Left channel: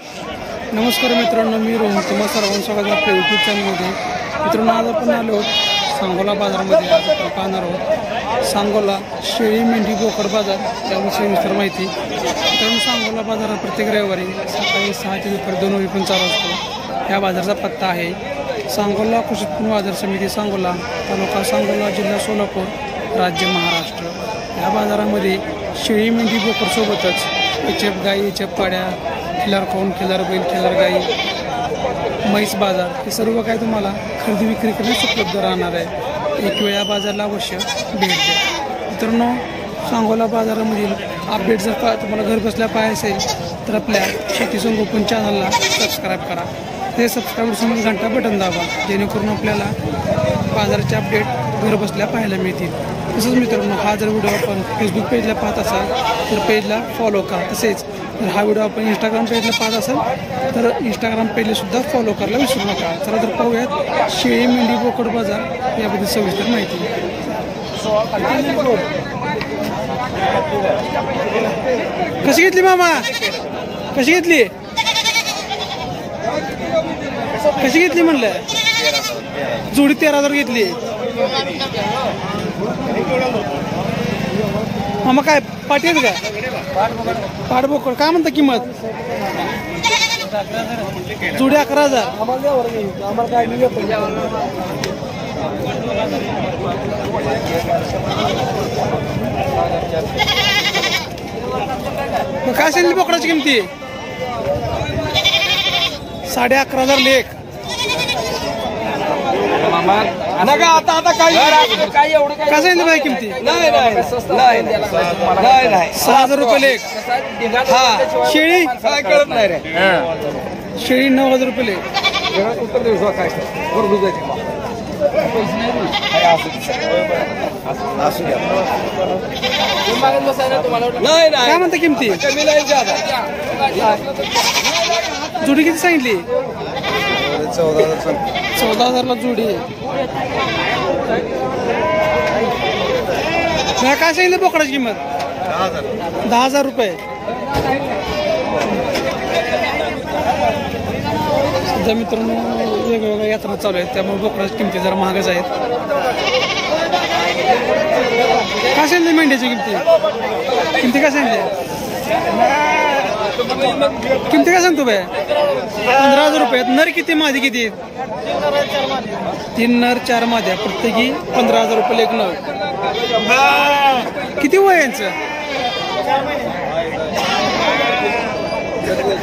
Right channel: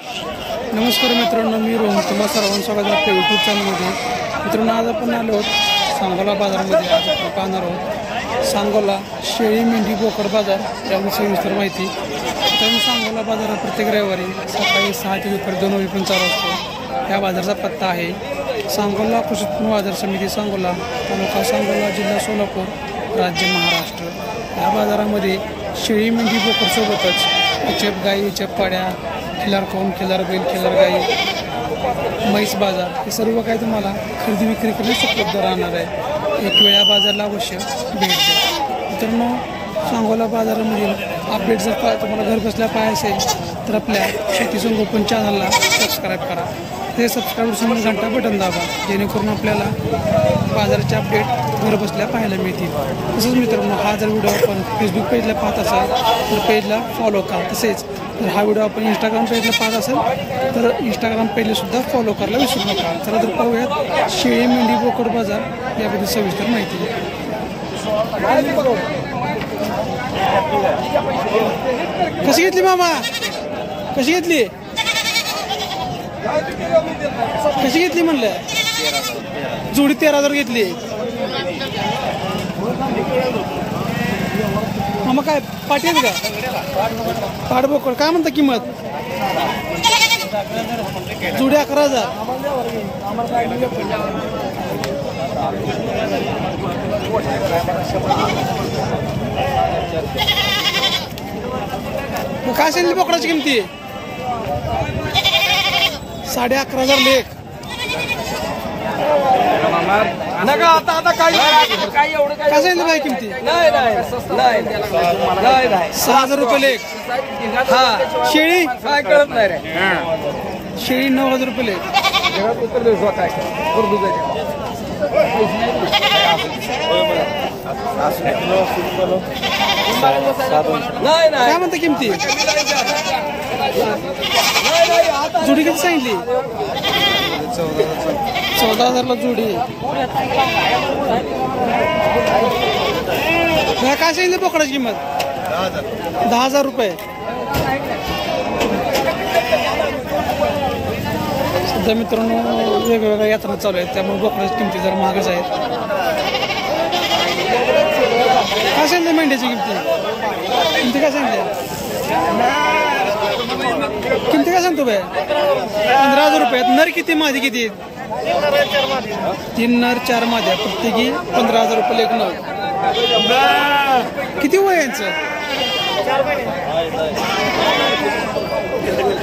नमस्कार मित्रांनो, मी रोहन तुम्हा सर्वांचं स्वागत आपल्या यूट्यूब चॅनलमध्ये. मित्रांनो, आज आपण आलो आहोत सांगोला बाजारामध्ये. आज आपण पाहणार आहोत सांगोला शेळी मेंढी बोकड बाजार याबद्दल सविस्तर माहिती. मित्रांनो, सांगोला बाजार हा प्रत्येक रविवारी सकाळी 6 ते दुपारी 2 वाजेपर्यंत चालू असतो. या बाजाराचा पत्ता आहे सांगोला कृषी उत्पन्न बाजार समिती, सांगोला, तालुका सांगोला, जिल्हा सोलापूर, राज्य महाराष्ट्र. या बाजारामध्ये शेळी मेंढी बोकडसोबतच एचएफ गाई, एचएफ पाड्या, खिलार कोण, खिलार बैल, खिलार गाई, म्हैस बाजार हे सर्व काही तुम्हाला खरेदी विक्री करण्यास उपलब्ध राहणार आहे. एक वेळ या बाजाराला अवश्य भेट द्या. मित्रांनो, सांगोला बाजारामधील अपडेट जर तुम्हाला घर बसल्या पाहायचे असेल तर आपल्या शेती संगोपन चॅनलला सबस्क्राईब करा. ते सबस्क्राईब समोर घंटा बटन दाबा, जेणेकरून आपल्याला बाजाराचे अपडेट घर बसल्या पाहायला मिळतील. तसंच मित्रांनो, हा जर व्हिडिओ आपण फेसबुक पेजला पाहत असाल तर पेजला फॉलो करा. तसेच जर हा व्हिडिओ आपण इंस्टाग्राम पेजला पाहत असेल तर इंस्टाग्राम पेजलासुद्धा फॉलो करायला विसरू नका. चला तर पाहूयात शेळी मेंढी बोकड बाजार याबद्दल सविस्तर माहिती. कशी घेतली मामा? कशी घेतली? कशी घेतली म्हणलं? जोडी 13,000 घेतली. मामा काय पाठी आहेत का? पाठबोकड काय म्हणता किंमत? जोडी 11,000. मग काय सांगितली बोकडाची किमती? 11,500 लेख. काय सांगितलं बाई किमती? 6,000 रुपये लेख. शेळी काय कळत नाही रे. शेळी 9,000 रुपये लेख. काय म्हणता किमती? जोडी किती सांगितली? 14,000ला जोडी. काय सांगितली बोकडाची किंमत? 10,000 रुपये. सध्या मित्रांनो वेगवेगळ्या यात्रा चालू आहेत, त्यामुळे बोकडाची किमती जरा महागच आहेत. काय सांगितली मेंढ्याची किमती? किमती काय सांगितली? किमती काय सांगतो बाय? 15,000 रुपये. नर किती, मादी किती? 3 नर 4 माद्या, प्रत्येकी 15,000 रुपये लेख नग. किती वय यांचं?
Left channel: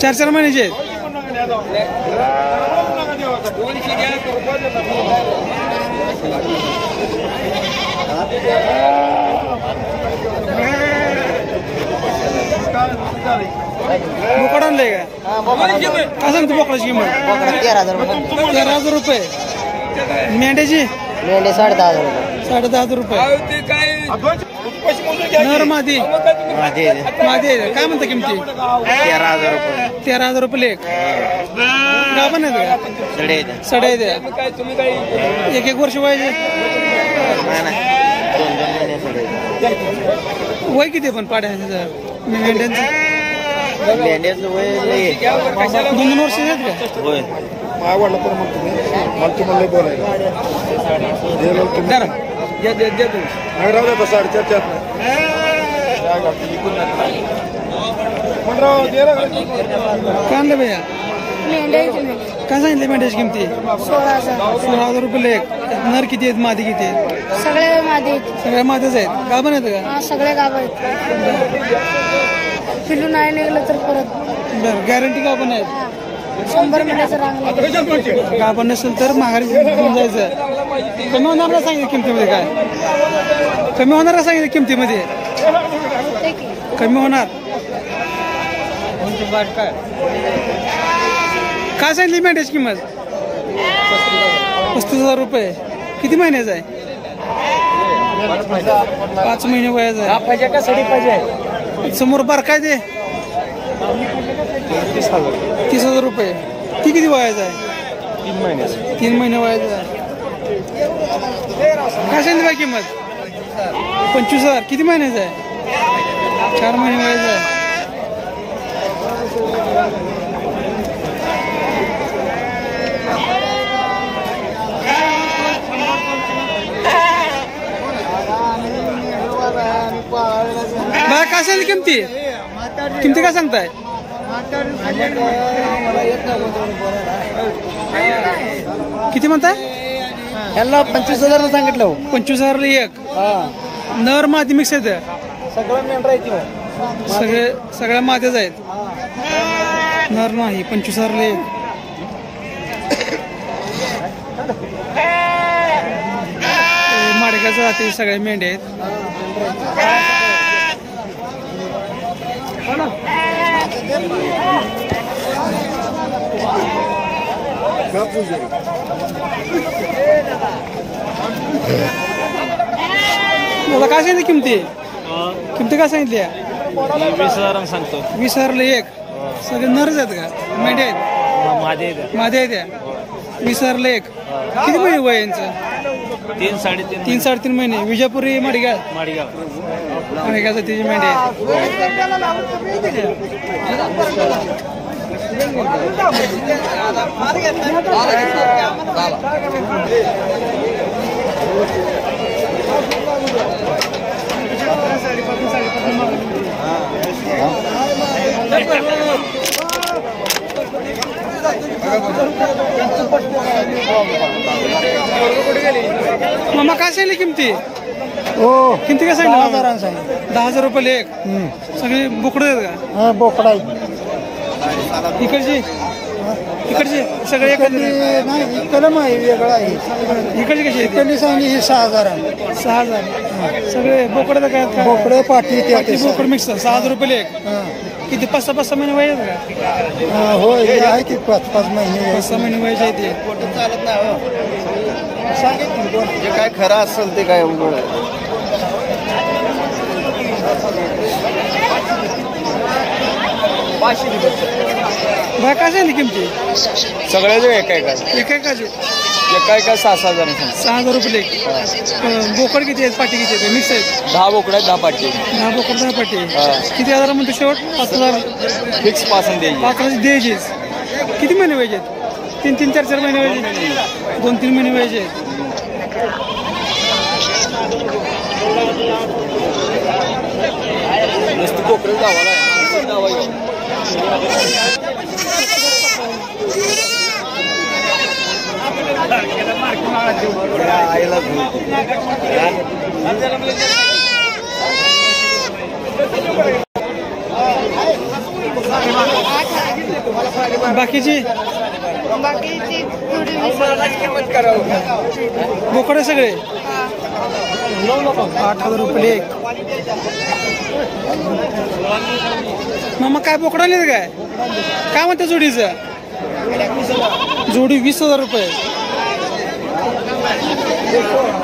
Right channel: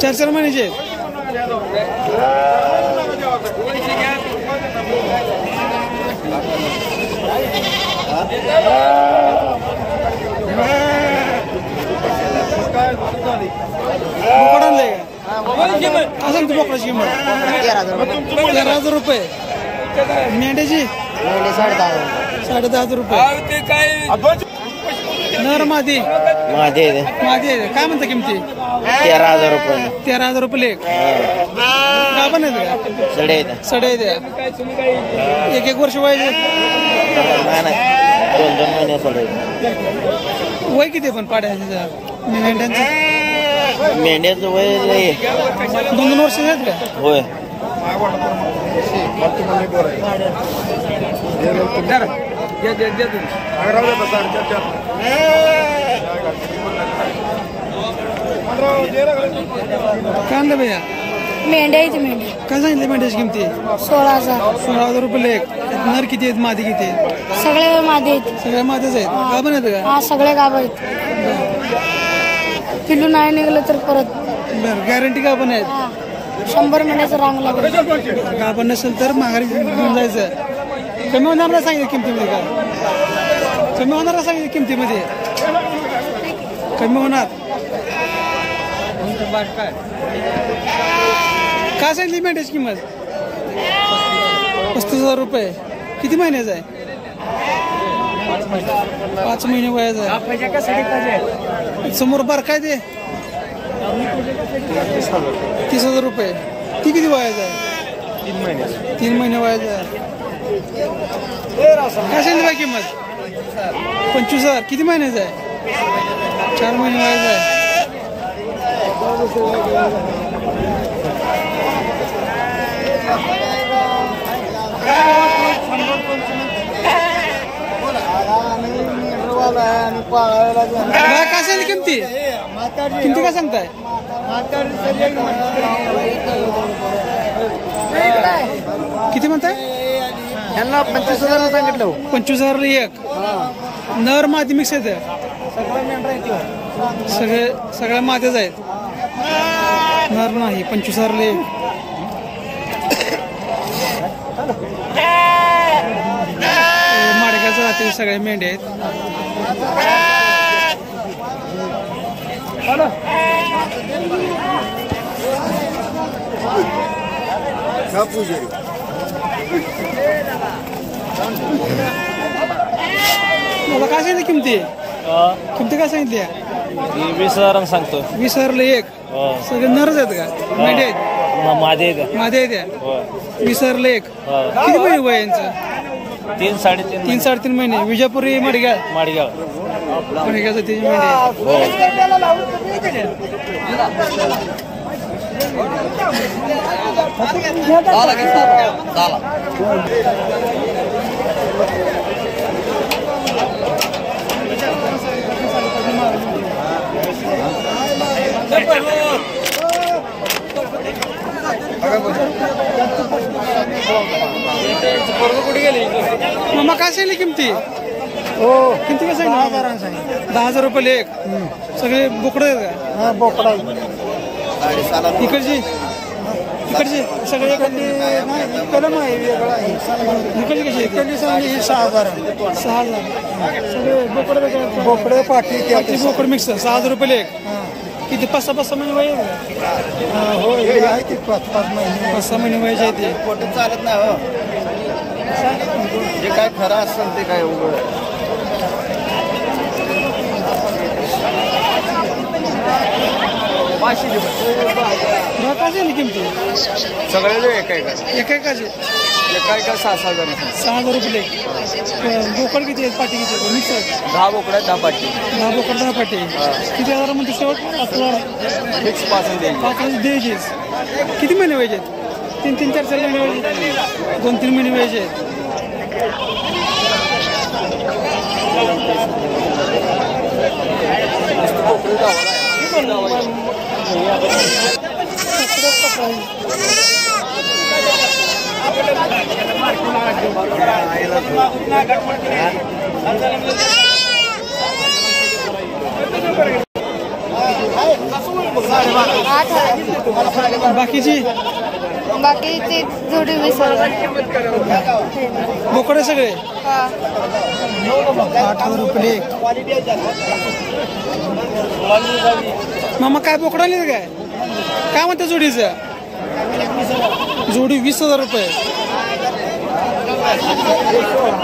4 महिन्याचे आहेत. बोकड आणलंय का? काय सांगतो बोकडाची किंमत? 13,000 रुपये. मेंढ्याची 10,500 रुपये. नर मादी मादी काय म्हणता किमती? 13,000 रुपये. 13,000 रुपये लेख. गाभण आहेत का? सडे द्या. 1-1 वर्ष वयाचे. वय किती पण पाड्याचं मेंढ्यांचं? मेंढ्याचं वय 2-2 वर्ष आहेत का? होय. काय आणलं भैया? मेंढ्या. काय सांगितलं मेंढ्याची किमती? 16,000 रुपये लेख. नर किती आहेत, मादी किती आहेत? सगळे मादे. सगळ्या मादेच आहेत. गाभण आहेत का? हा, सगळे गाव आहेत. पिल्लू नाही निघलं तर परत. बरं, गॅरंटी गाभण आहेत. 100 महिन्याचं रांग. गाभण नसेल तर माघारी घेऊन जायचं. कमी होणार का सांगितलं किमतीमध्ये? काय कमी होणार का सांगितलं किमतीमध्ये? कमी होणार. काय सांगितली मेंढ्याची किंमत? 35,000 रुपये. किती महिन्याचा आहे? 5 महिने वयाचा आहे. समोर बार काय ते? 30,000 रुपये. ती किती वयाचा आहे? 3 महिने वयाचा आहे. काय सांगितली बाई किंमत? 25,000. किती महिन्याचा आहे? 4 महिने वयाचा आहे. दादा काय सांगितली किमती किमती काय सांगताय किती म्हणताय 25,000 सांगितलं 25,000 एक नर मादी मिक्स आहेत सगळ्या माद्याच आहेत नर नाही 25,000 एक माडक्याचं जाते सगळ्या मेंढ्या आहेत मला काय सांगितलं किमती काय सांगितली 20,000 सांगतो 20,000 एक सगळे नरच आहेत का मेंढ्या आहेत मादे आहेत त्या 20,000 एक किती महिने वय यांचं 3-3.5 महिने विजापुरी माडगाव त्याची मेंढ्या आहेत मामा काय सांगितली किमती काय सांगितलं 10,000 रुपये एक सगळे बोकडे आहेत का इकडची सगळे इकडची कशी आहे 6,000 सगळे बोकडे पाठी बोकड मिक्स 6,000 रुपये एक किती 5-6 महिने वय आहे बघा 5-6 महिने वयाचे आहे ते जे काय खरं असेल ते काय काय झाली किमती सगळ्याचे एकाचे 6,000 रुपये बोकड किती आहेत पाटी किती आहेत मिक्स आहेत 10 बोकडे 10 पाटी 10 बोकड 10 पाटी किती हजार म्हणते शेवट 5,000 फिक्स पासून द्यायची 5,000 द्यायचे किती महिने व्हायचे 3-4 महिने व्हायचे 2-3 महिने व्हायचे आहेत बाकीची बोकडे सगळे 8,000 रुपये एक मामा काय बोकडा आले काय म्हणते जोडीचं जोडी 20,000 रुपये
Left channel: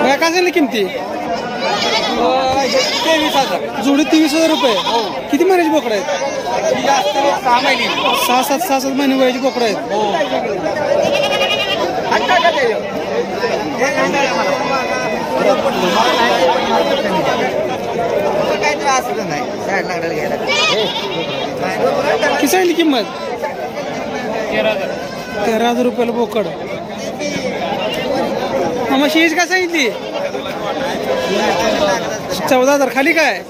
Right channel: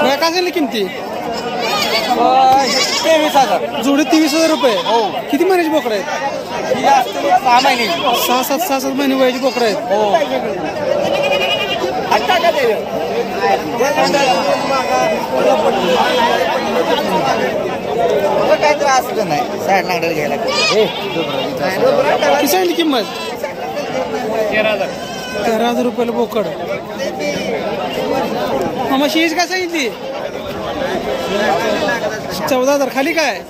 काय झाली किमती जोडी 23,000 रुपये किती महिन्याची बोकडं आहेत 6-7 महिने वयाची बोकडं आहेत किती सांगितली किंमत 13,000 रुपयाला बोकड मामा शीज काय सांगितली 14,000 खाली काय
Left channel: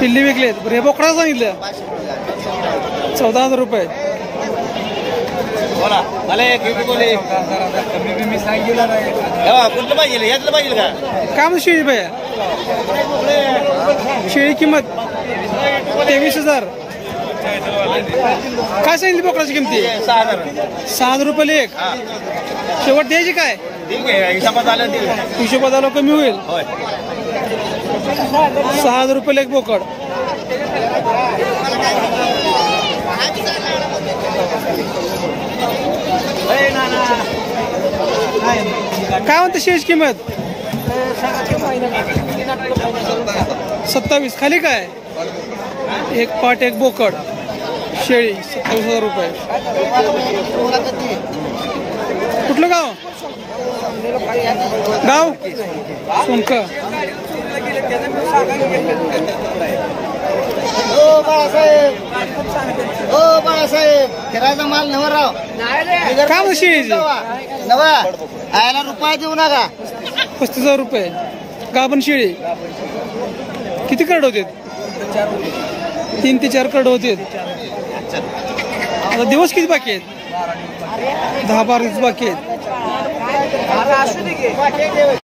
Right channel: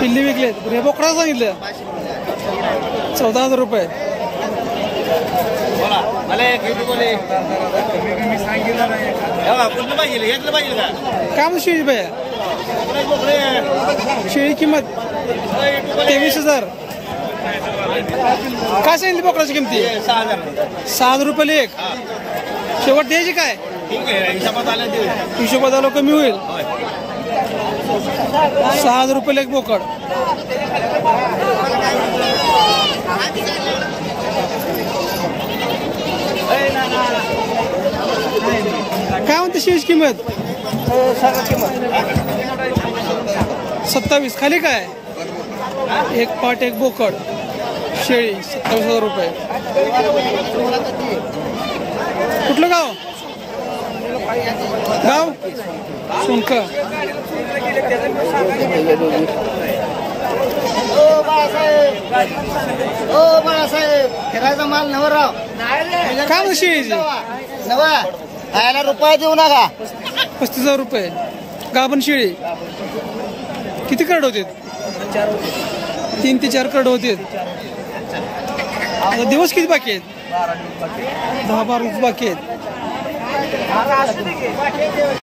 पिल्ली विकलेत हे बोकडा सांगितलं 14,000 रुपये काय म्हणतो शेळी भैया शेळी किंमत 23,000 काय सांगितली बोकडाची किमती 6,000 रुपयाला एक शेवट द्यायची काय हिशोबात आलो कमी होईल 6,000 रुपयाला एक बोकड काय म्हणते शेष किंमत 27 खाली काय एक पाट एक बोकड शेळी 27,000 रुपये कुठलं गाव सोनक फिरायचा माल नवराव काय म्हणते शेळीची नवा आयला रुपये देऊ नका 35,000 रुपये गाभण शेळी किती करड होते? 3 ते 4 करड होते. आता दिवस किती बाकी आहेत? 10-12 दिवस बाकी आहेत.